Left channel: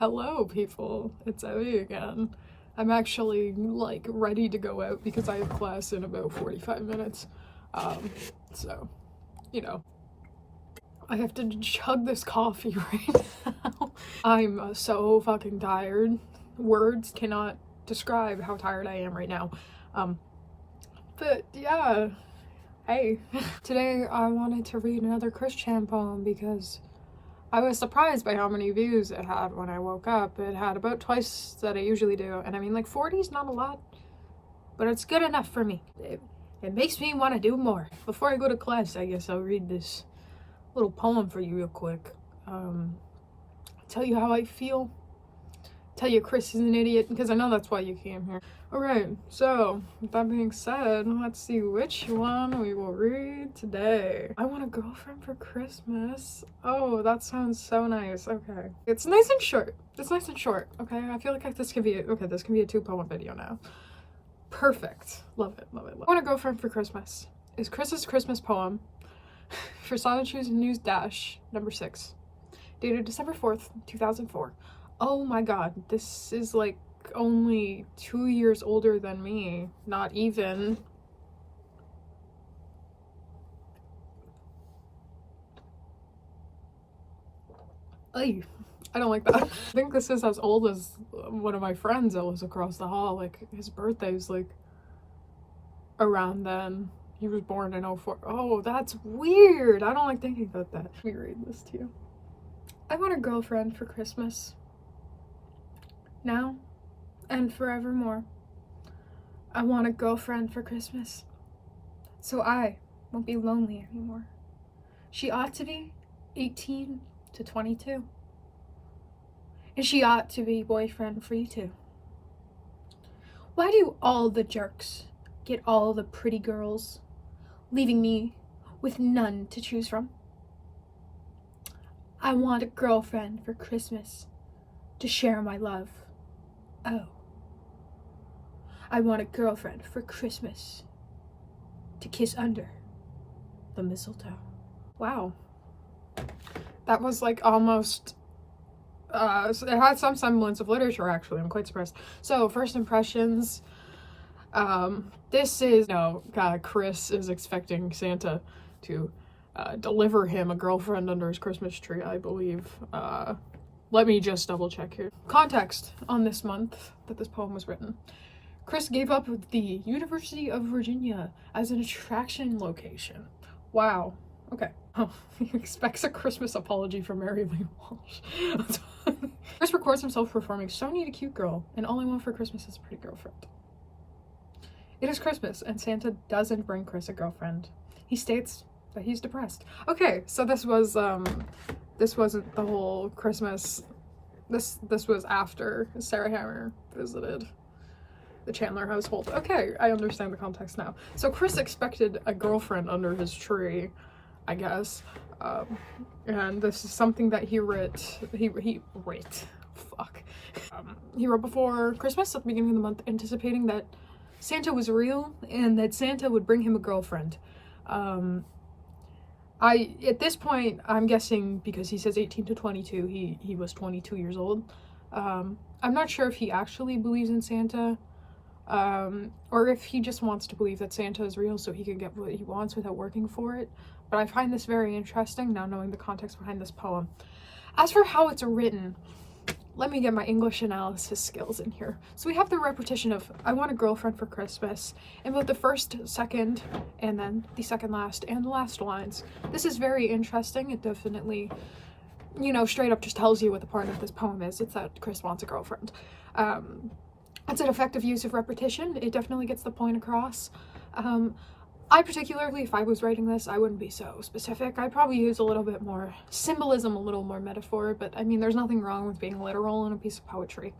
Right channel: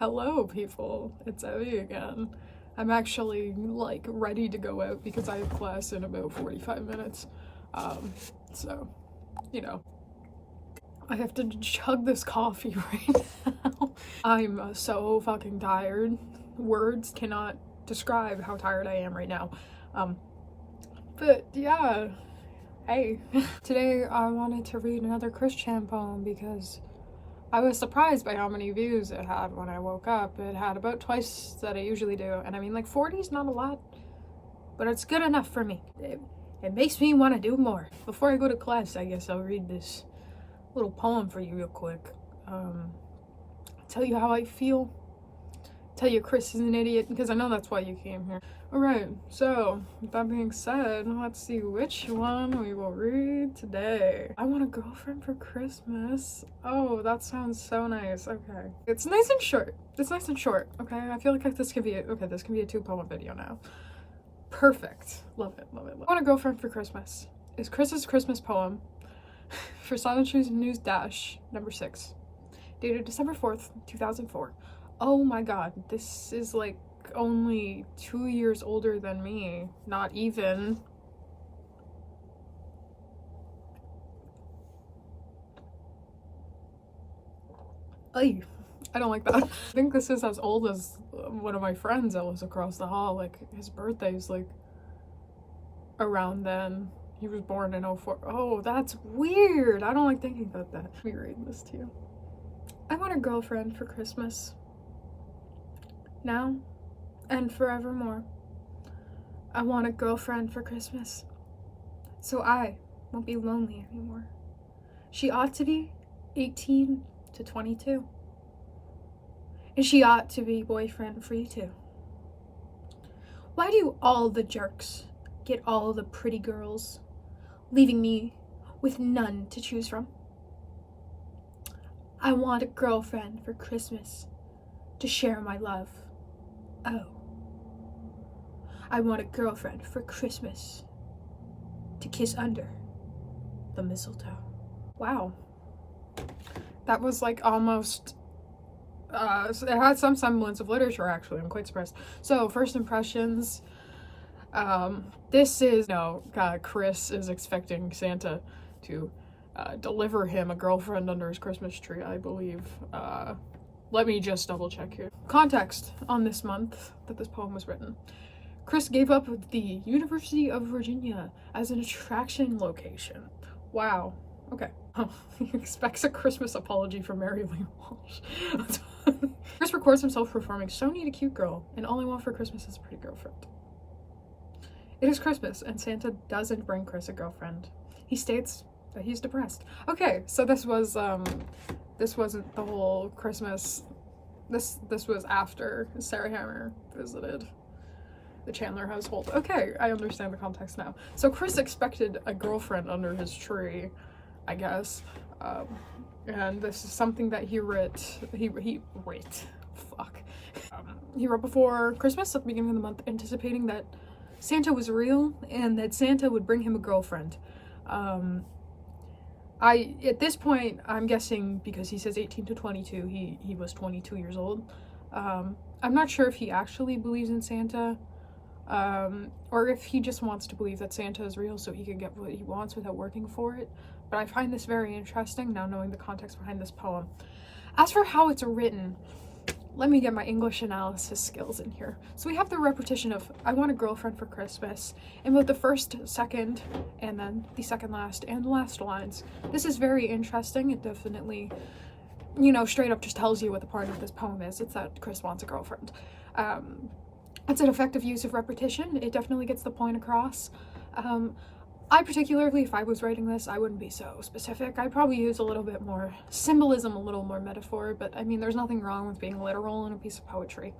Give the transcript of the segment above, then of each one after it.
Hello, people. It's Evie again. I'm actually, ready to go out because I have class in about 45 minutes. So, you know, I have to chug this coffee right now. I'm so fucking tired. Words cannot describe how tired I am right now. But yeah, hey. Today I wanted to read another Chris Chan poem because I was surprised by how many views it had when I woke up. It had about twice that I usually do. And I mean, 40 is not a lot, but it's good enough for me. It makes me want to do more. Before I go to class, I guess I'll read this little poem for you real quick. Tell you how I feel. Tell you Chris is an idiot, because I know that's why you came here. Alright, so, with that being said, let's see which one we will read today. I want a girlfriend for Christmas. Oh, that sounds so nice. Okay. It's nice and short. It's nice and short, okay? I feel like this can be a 2-poem video now. Perfect. Love it, love it, love it. I want a girlfriend for Christmas is Chris's Christmas poem for Sonnet News Dash number 6, dated December 4th, 2004. Oh my god, this is only 2 years older than me. Not even. Ay, I don't like that. I think this is as old as one of my friends that was across the hall. His birthday's around then. He was born in 04. Oh, that's weird. I don't like thinking about that. Let me read this to you. I want a girlfriend for Christmas. Now and forevermore. I want a girlfriend for Christmas, so I won't be lonely anymore. She ought to be 18 to 22. And she ought to be boyfriend free too. Why do all the jerks get all the pretty girls, leaving me with none to choose from? I want a girlfriend for Christmas to share my love. Oh, I want a girlfriend for Christmas to kiss under the mistletoe. Wow. That was almost, it had some semblance of literature actually. I'm quite surprised. So, first impressions. This is, Chris is expecting Santa to deliver him a girlfriend under his Christmas tree, I believe. Let me just double check here. Context on this month that this poem was written. Chris gave up the University of Virginia as an attraction location. Wow. Okay. Oh, he expects a Christmas apology from Mary Lee Walsh. Chris records himself performing "So Need a Cute Girl" and "All I Want for Christmas is a Pretty Girlfriend." It is Christmas and Santa doesn't bring Chris a girlfriend. He states that he's depressed. Okay, so this wasn't the whole Christmas. This was after Sarah Hammer visited the Chandler household. Okay, I understand the context now. So Chris expected a girlfriend under his tree, I guess. And this is something that he wrote. He wrote before Christmas at the beginning of the month, anticipating that Santa was real and that Santa would bring him a girlfriend. At this point, I'm guessing because he says 18 to 22, he was 22 years old. I'm not sure if he actually believes in Santa, or if he just wants to believe that Santa is real so he can get what he wants without working for it. But I find this very interesting now knowing the context behind this poem. As for how it's written, let me get my English analysis skills in here. So we have the repetition of "I want a girlfriend for Christmas" in both the first, second, and then the second last and the last lines. This is very interesting. It definitely, straight up just tells you what the point of this poem is. It's that Chris wants a girlfriend. It's an effective use of repetition. It definitely gets the point across. I particularly, if I was writing this, I wouldn't be so specific. I'd probably use a little bit more symbolism, a little more metaphor, but I mean, there's nothing wrong with being literal in a piece of poetry.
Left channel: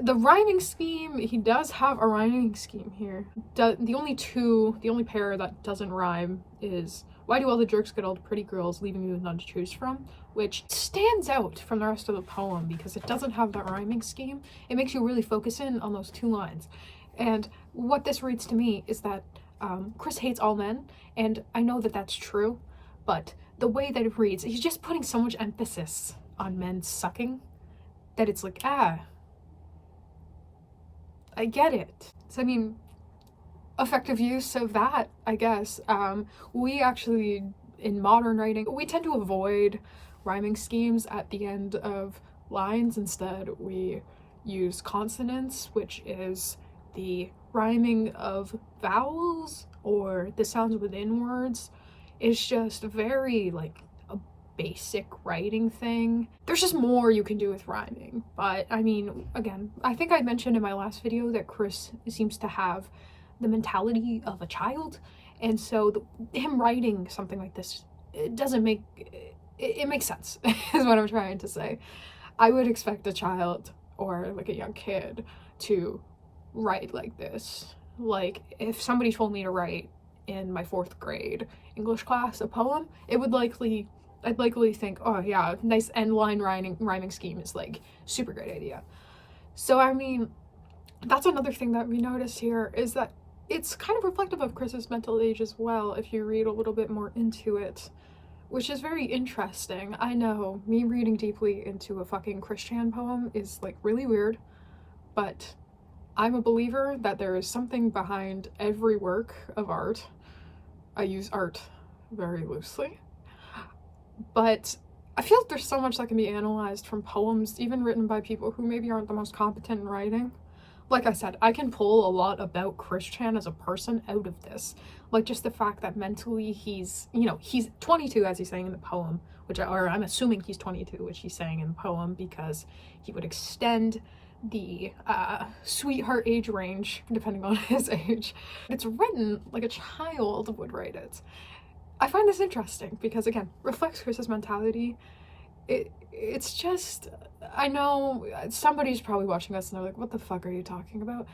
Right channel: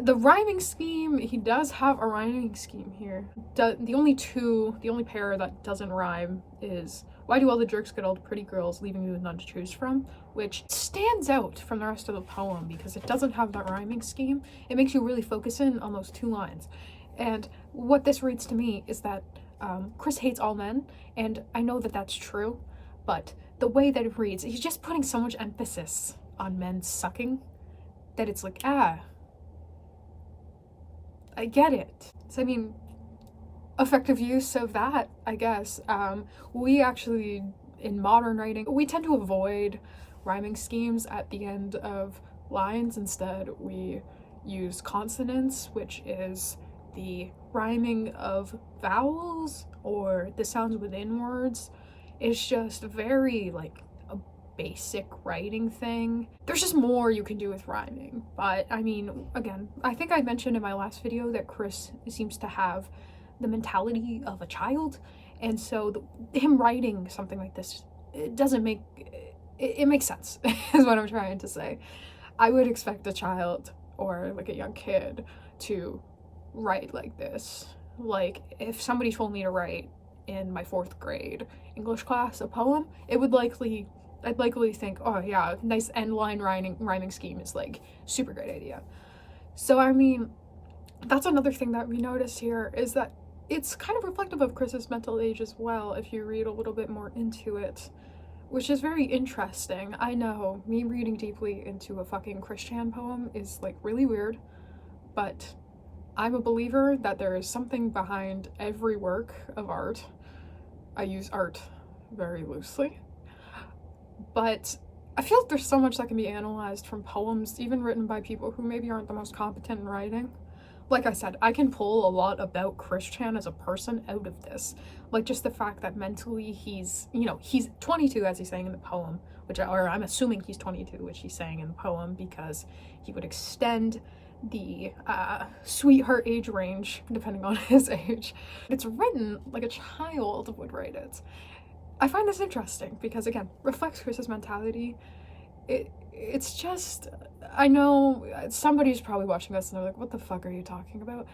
The rhyming scheme, he does have a rhyming scheme here. The only pair that doesn't rhyme is "Why do all the jerks get all the pretty girls, leaving me with none to choose from?" which stands out from the rest of the poem because it doesn't have that rhyming scheme. It makes you really focus in on those 2 lines. And what this reads to me is that Chris hates all men, and I know that that's true, but the way that it reads, he's just putting so much emphasis on men sucking that it's like, I get it. So, I mean, effective use of that, I guess. We actually, in modern writing, we tend to avoid rhyming schemes at the end of lines. Instead, we use consonants, which is the rhyming of vowels or the sounds within words. It's just very, like, a basic writing thing. There's just more you can do with rhyming. But, I mean, again, I think I mentioned in my last video that Chris seems to have the mentality of a child, and so him writing something like this, it doesn't make it makes sense is what I'm trying to say. I would expect a child or like a young kid to write like this. Like, if somebody told me to write in my 4th grade English class a poem, I'd likely think, oh yeah, nice end line rhyming scheme is like super great idea. So I mean, that's another thing that we noticed here, is that it's kind of reflective of Chris's mental age as well, if you read a little bit more into it, which is very interesting. I know, me reading deeply into a fucking Chris Chan poem is like really weird, but I'm a believer that there is something behind every work of art. I use art very loosely, but I feel like there's so much that can be analyzed from poems, even written by people who maybe aren't the most competent in writing. Like I said, I can pull a lot about Chris Chan as a person out of this. Like, just the fact that mentally he's 22, as he's saying in the poem, or I'm assuming he's 22, which he's saying in the poem, because he would extend the sweetheart age range depending on his age. It's written like a child would write it. I find this interesting because, again, reflects Chris's mentality. It's just, I know somebody's probably watching this and they're like, what the fuck are you talking about?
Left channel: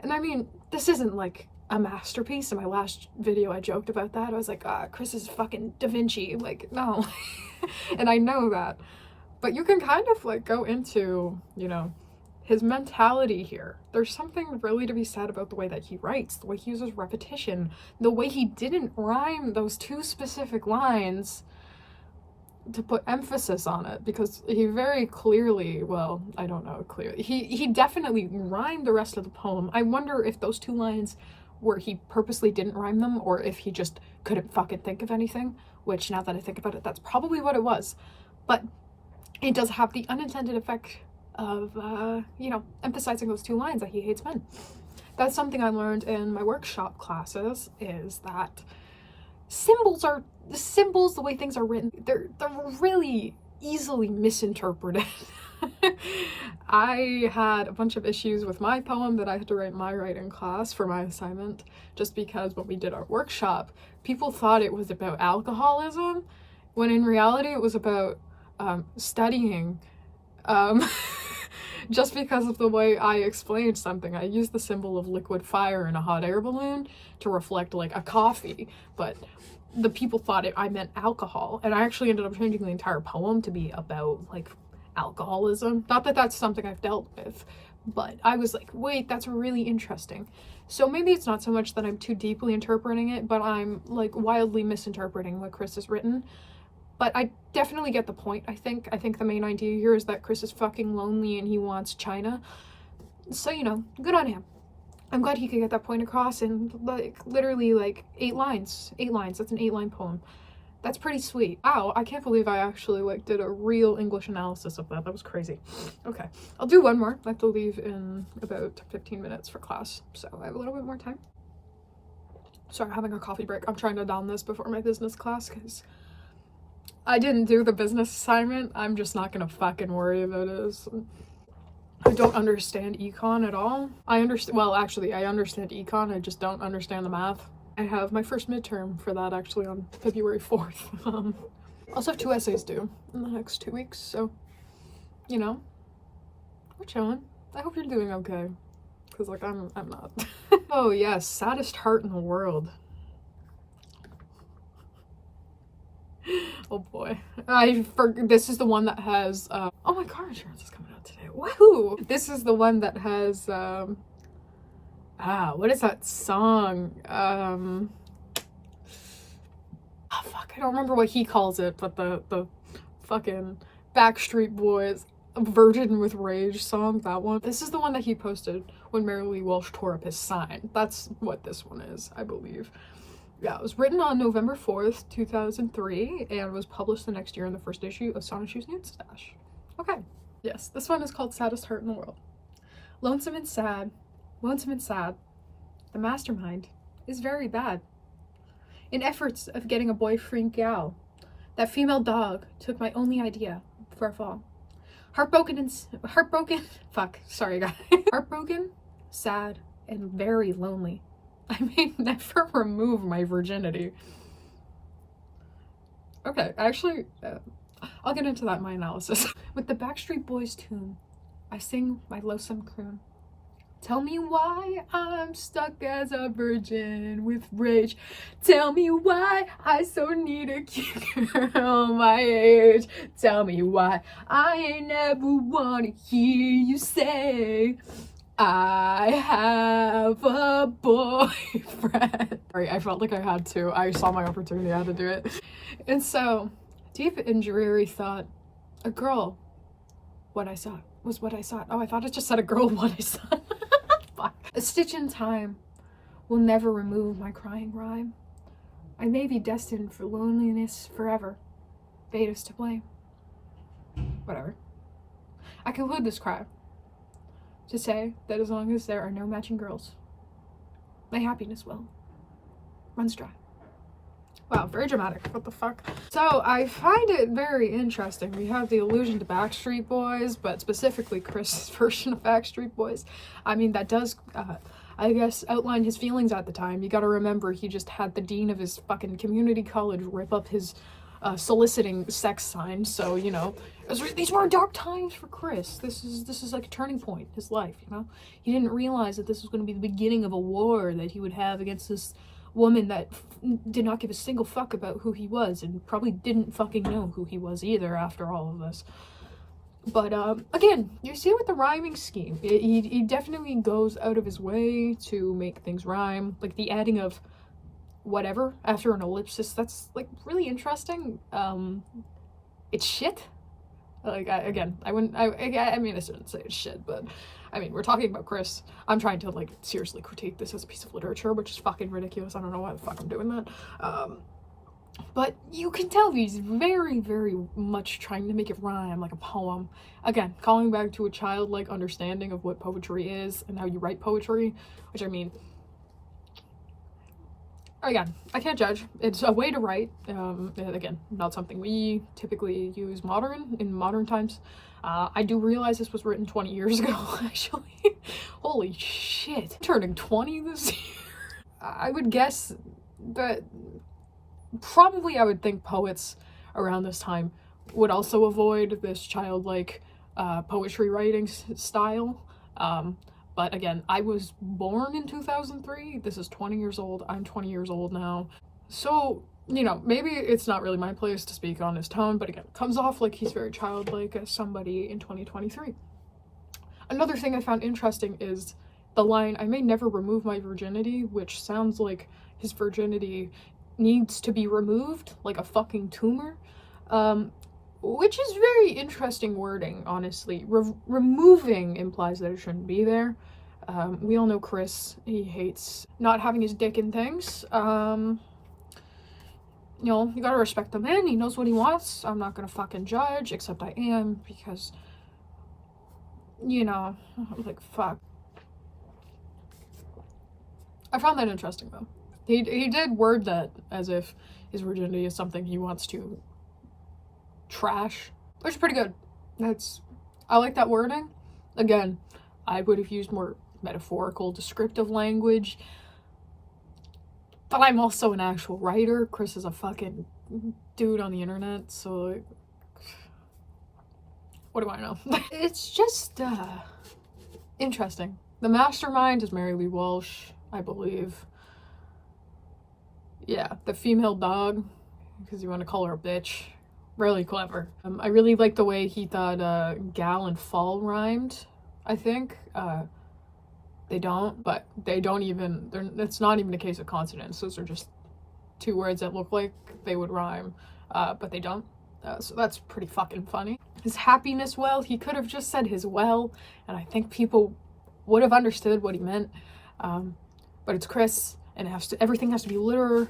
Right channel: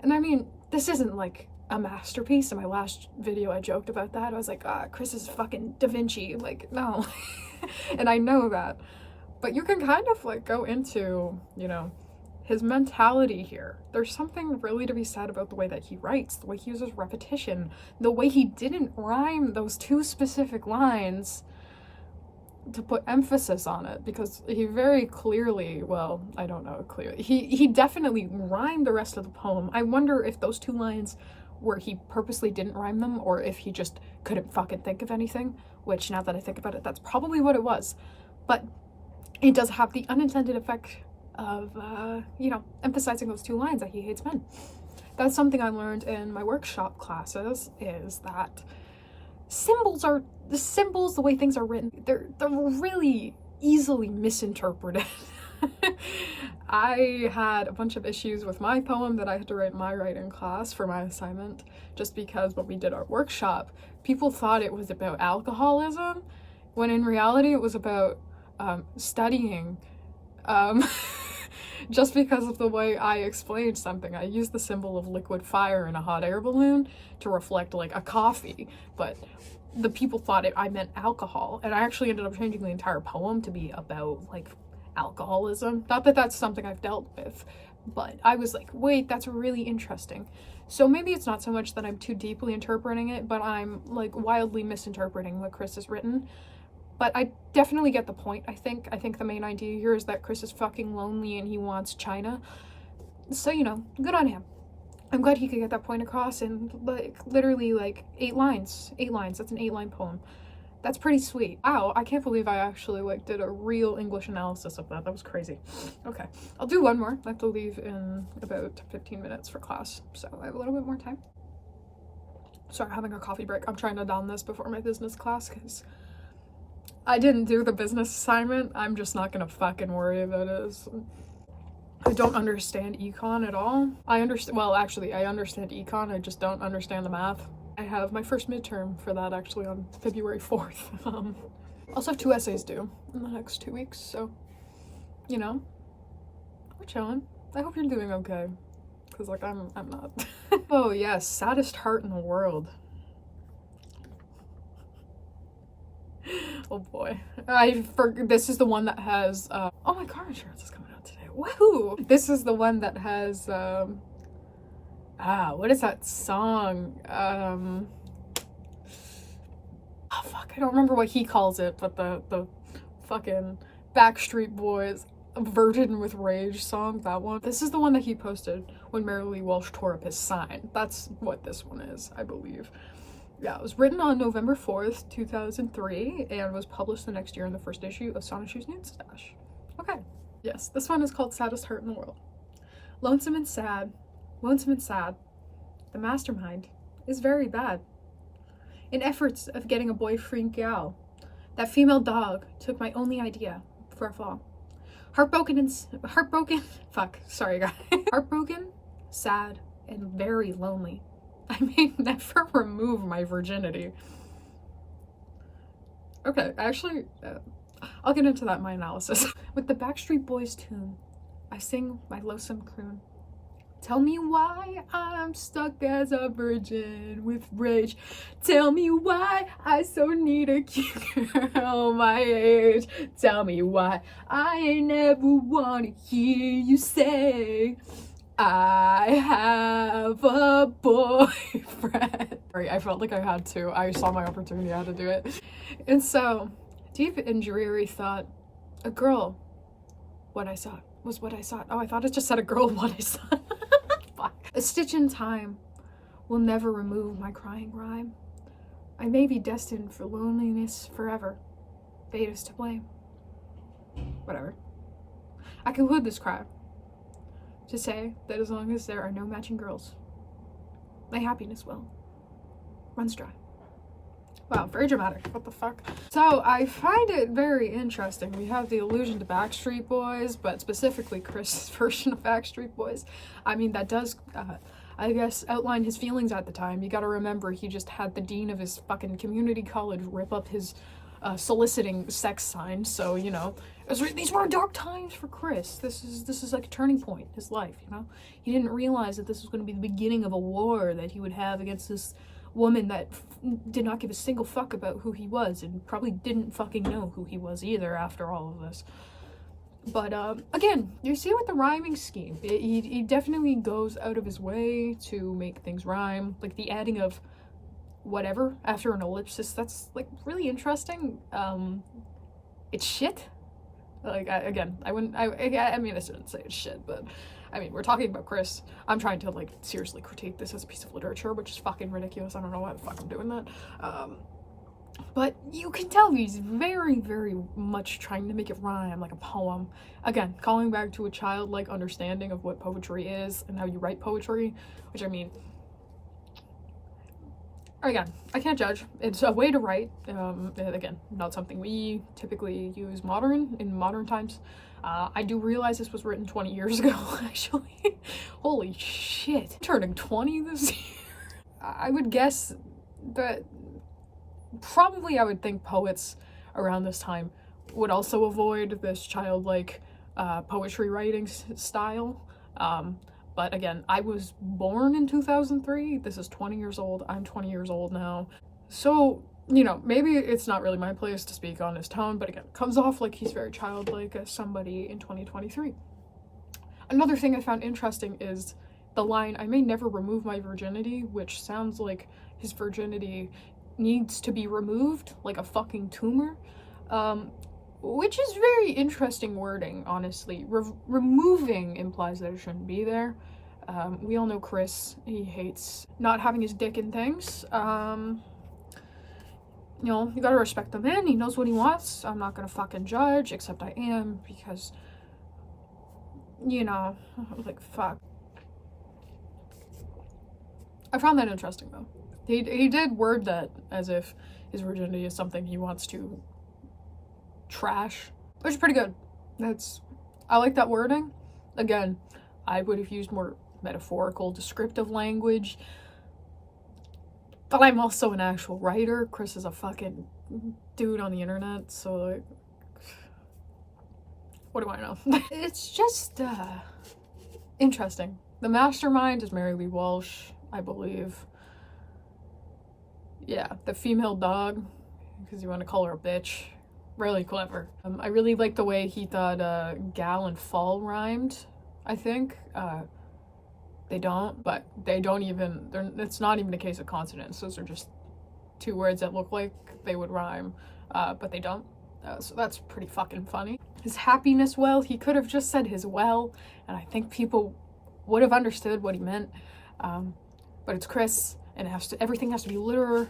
And I mean, this isn't like a masterpiece. In my last video I joked about that. I was like, Chris is fucking Da Vinci. Like, no. And I know that, but you can kind of like go into, his mentality here. There's something really to be said about the way that he writes, the way he uses repetition, the way he didn't rhyme those 2 specific lines to put emphasis on it, because he very clearly, well, I don't know, clearly, he definitely rhymed the rest of the poem. I wonder if those 2 lines where he purposely didn't rhyme them, or if he just couldn't fucking think of anything, which, now that I think about it, that's probably what it was. But it does have the unintended effect of, emphasizing those 2 lines that he hates men. That's something I learned in my workshop classes, is that symbols, the way things are written, they're really easily misinterpreted. I had a bunch of issues with my poem that I had to write in my writing class for my assignment, just because when we did our workshop, people thought it was about alcoholism, when in reality it was about studying. Just because of the way I explained something. I used the symbol of liquid fire in a hot air balloon to reflect like a coffee, but the people thought I meant alcohol, and I actually ended up changing the entire poem to be about like alcoholism. Not that that's something I've dealt with, but I was like, wait, that's really interesting. So maybe it's not so much that I'm too deeply interpreting it, but I'm like wildly misinterpreting what Chris has written. But I definitely get the point. I think the main idea here is that Chris is fucking lonely and he wants China. So, good on him. I'm glad he could get that point across in like literally like 8 lines. 8 lines. That's an 8-line poem. That's pretty sweet. Wow, I can't believe I actually like did a real English analysis of that. That was crazy. Okay, I'll do one more. I have to leave in about 15 minutes for class, so I have a little bit more time. Sorry, having a coffee break. I'm trying to down this before my business class because I didn't do the business assignment. I'm just not gonna fucking worry about it. I don't understand econ at all. I understand econ, I just don't understand the math. I have my first midterm for that actually on February 4th. I also have 2 essays due in the next 2 weeks, so, we're chilling. I hope you're doing okay, because, like, I'm not. Oh, yes, saddest heart in the world. Oh boy. This is the one that has, oh, my car insurance is coming out today. Woohoo! This is the one that has, what is that song? Oh fuck, I don't remember what he calls it, but the fucking Backstreet Boys Virgin with Rage song, that one. This is the one that he posted when Mary Lee Walsh tore up his sign. That's what this one is, I believe. Yeah, it was written on November 4th, 2003, and was published the next year in the first issue of Sonic Shoes Nude Stash. Okay. Yes, this one is called Saddest Heart in the World. Lonesome and sad, the mastermind is very bad. In efforts of getting a boyfriend gal, that female dog took my only idea for a fall. Heartbroken, sad, and very lonely. I may never remove my virginity. Okay, actually, I'll get into that in my analysis. With the Backstreet Boys tune, I sing my lonesome croon. Tell me why I'm stuck as a virgin with rage. Tell me why I so need a cute girl my age. Tell me why I never want to hear you say I have a boyfriend. Sorry, I felt like I had to. I saw my opportunity, I had to do it. And so, deep and dreary thought, a girl, what I sought was what I sought. Oh, I thought it just said a girl, what I sought. Fuck. A stitch in time will never remove my crying rhyme. I may be destined for loneliness forever. Fate is to blame. Whatever. I conclude this cry to say that as long as there are no matching girls, my happiness will runs dry. Wow, very dramatic. What the fuck? So I find it very interesting. We have the allusion to Backstreet Boys, but specifically Chris' version of Backstreet Boys. I mean, that does, I guess, outline his feelings at the time. You gotta remember, he just had the dean of his fucking community college rip up his soliciting sex sign. So, you know, these were dark times for Chris. This is like a turning point in his life, you know? He didn't realize that this was going to be the beginning of a war that he would have against this woman that did not give a single fuck about who he was, and probably didn't fucking know who he was either after all of this. But again, you see with the rhyming scheme, he definitely goes out of his way to make things rhyme. Like the adding of whatever after an ellipsis, that's like really interesting. It's shit. Like, I mean, I shouldn't say it's shit, but I mean, we're talking about Chris. I'm trying to, like, seriously critique this as a piece of literature, which is fucking ridiculous. I don't know why the fuck I'm doing that. But you can tell he's very, very much trying to make it rhyme like a poem. Again, calling back to a childlike understanding of what poetry is and how you write poetry, which, I mean, again, I can't judge. It's a way to write. Again, not something we typically use in modern times. I do realize this was written 20 years ago, actually. Holy shit. Turning 20 this year. I would guess that probably I would think poets around this time would also avoid this childlike poetry writing style. But again, I was born in 2003. This is 20 years old. I'm 20 years old now. So, you know, maybe it's not really my place to speak on his tone, but again, it comes off like he's very childlike as somebody in 2023. Another thing I found interesting is the line, I may never remove my virginity, which sounds like his virginity needs to be removed, like a fucking tumor. Which is very interesting wording, honestly. Removing implies that it shouldn't be there. We all know Chris, he hates not having his dick in things. You know, you gotta respect the man, he knows what he wants. I'm not gonna fucking judge, except I am, because, you know, like, fuck. I found that interesting, though. He did word that as if his virginity is something he wants to trash, which is pretty good. I like that wording. Again, I would have used more metaphorical, descriptive language, but I'm also an actual writer. Chris is a fucking dude on the internet, so, like, what do I know? It's just, interesting. The mastermind is Mary Lee Walsh, I believe. Yeah, the female dog, because you want to call her a bitch. Really clever. I really like the way he thought gal and fall rhymed, I think. They don't, but they don't even, it's not even a case of consonants. Those are just two words that look like they would rhyme, but they don't. So that's pretty fucking funny. his happiness well. He could have just said his well, and I think people would have understood what he meant. But it's Chris, and everything has to be literal.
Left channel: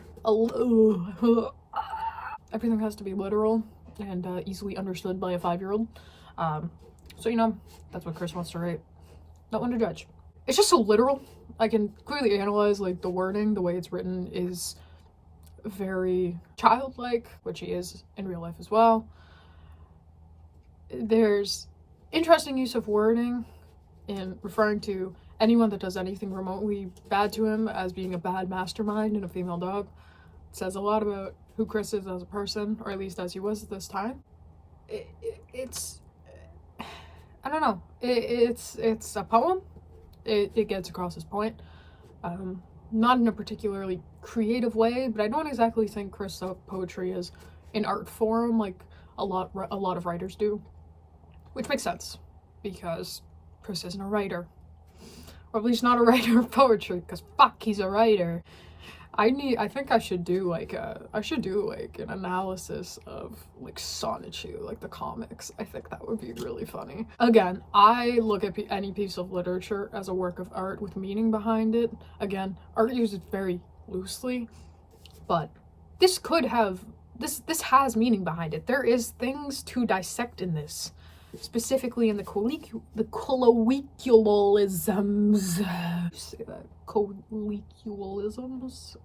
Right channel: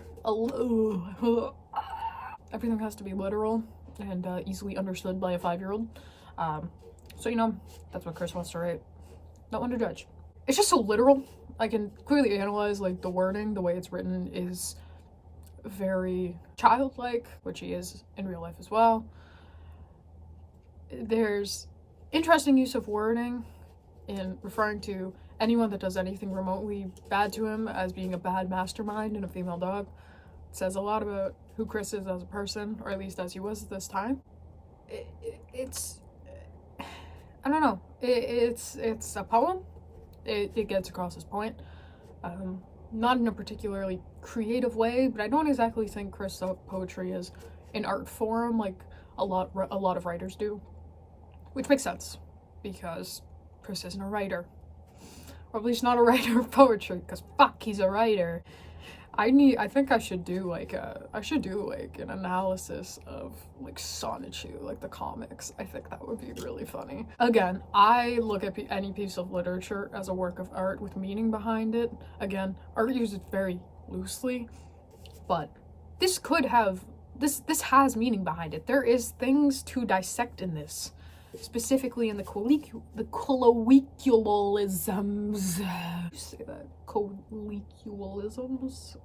Everything has to be literal and easily understood by a 5-year-old. So, you know, that's what Chris wants to write. Not one to judge. It's just so literal. I can clearly analyze, like, the wording, the way it's written is very childlike, which he is in real life as well. There's interesting use of wording in referring to anyone that does anything remotely bad to him as being a bad mastermind and a female dog. It says a lot about who Chris is as a person, or at least as he was at this time. It's I don't know. It's a poem. It gets across his point. Not in a particularly creative way, but I don't exactly think Chris poetry is an art form like a lot of writers do, which makes sense because Chris isn't a writer, or at least not a writer of poetry. Because fuck, he's a writer. I think I should do like an analysis of like Sonichu, like the comics. I think that would be really funny. Again, I look at any piece of literature as a work of art with meaning behind it. Again, art uses very loosely, but this has meaning behind it. There is things to dissect in this, specifically in the colloquialisms. Say that. Colloquialisms?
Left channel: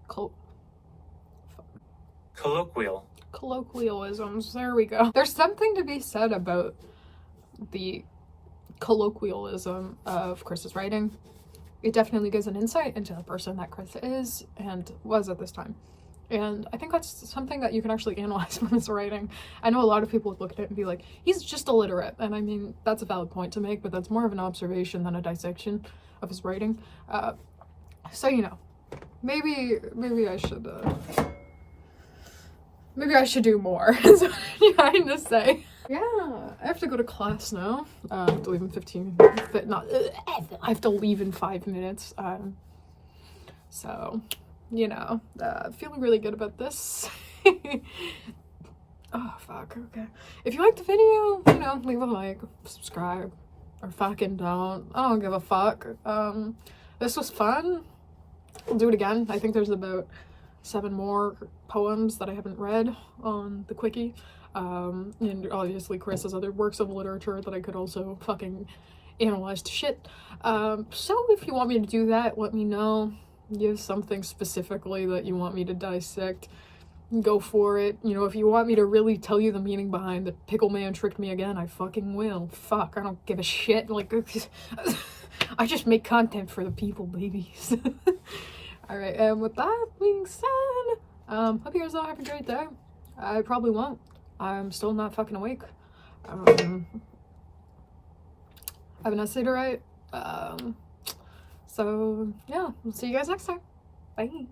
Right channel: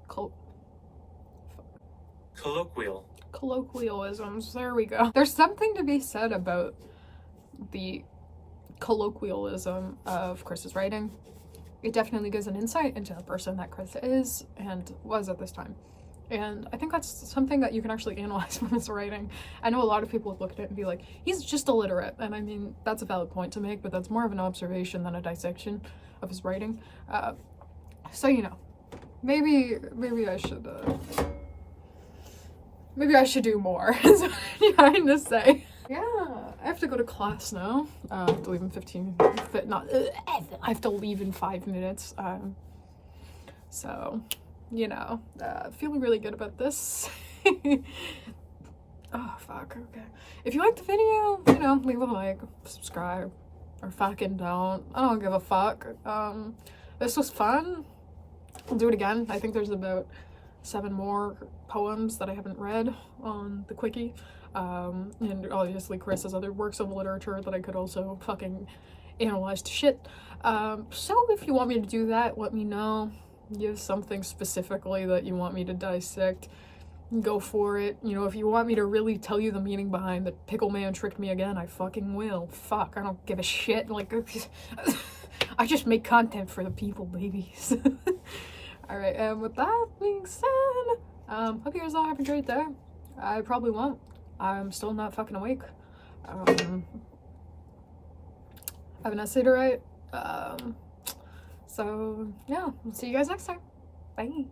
Colloquialisms. There we go. There's something to be said about the colloquialism of Chris's writing. It definitely gives an insight into the person that Chris is and was at this time. And I think that's something that you can actually analyze from his writing. I know a lot of people would look at it and be like, he's just illiterate. And I mean, that's a valid point to make, but that's more of an observation than a dissection of his writing. So, you know, maybe I should do more, is what I'm trying to say. Yeah, I have to go to class now. I have to leave in 5 minutes. So, you know, feeling really good about this. Oh, fuck, okay. If you liked the video, you know, leave a like, subscribe, or fucking don't. I don't give a fuck. This was fun. I'll do it again. I think there's about 7 more poems that I haven't read on the quickie. And obviously Chris has other works of literature that I could also fucking analyze to shit. So if you want me to do that, let me know. Give something specifically that you want me to dissect. Go for it. You know, if you want me to really tell you the meaning behind the pickle man tricked me again, I fucking will. Fuck, I don't give a shit. Like, I just make content for the people, babies. Alright, and with that being said, hope you guys all have a great day. I probably won't. I'm still not fucking awake. I have an essay to write. So, yeah, we'll see you guys next time. Bye.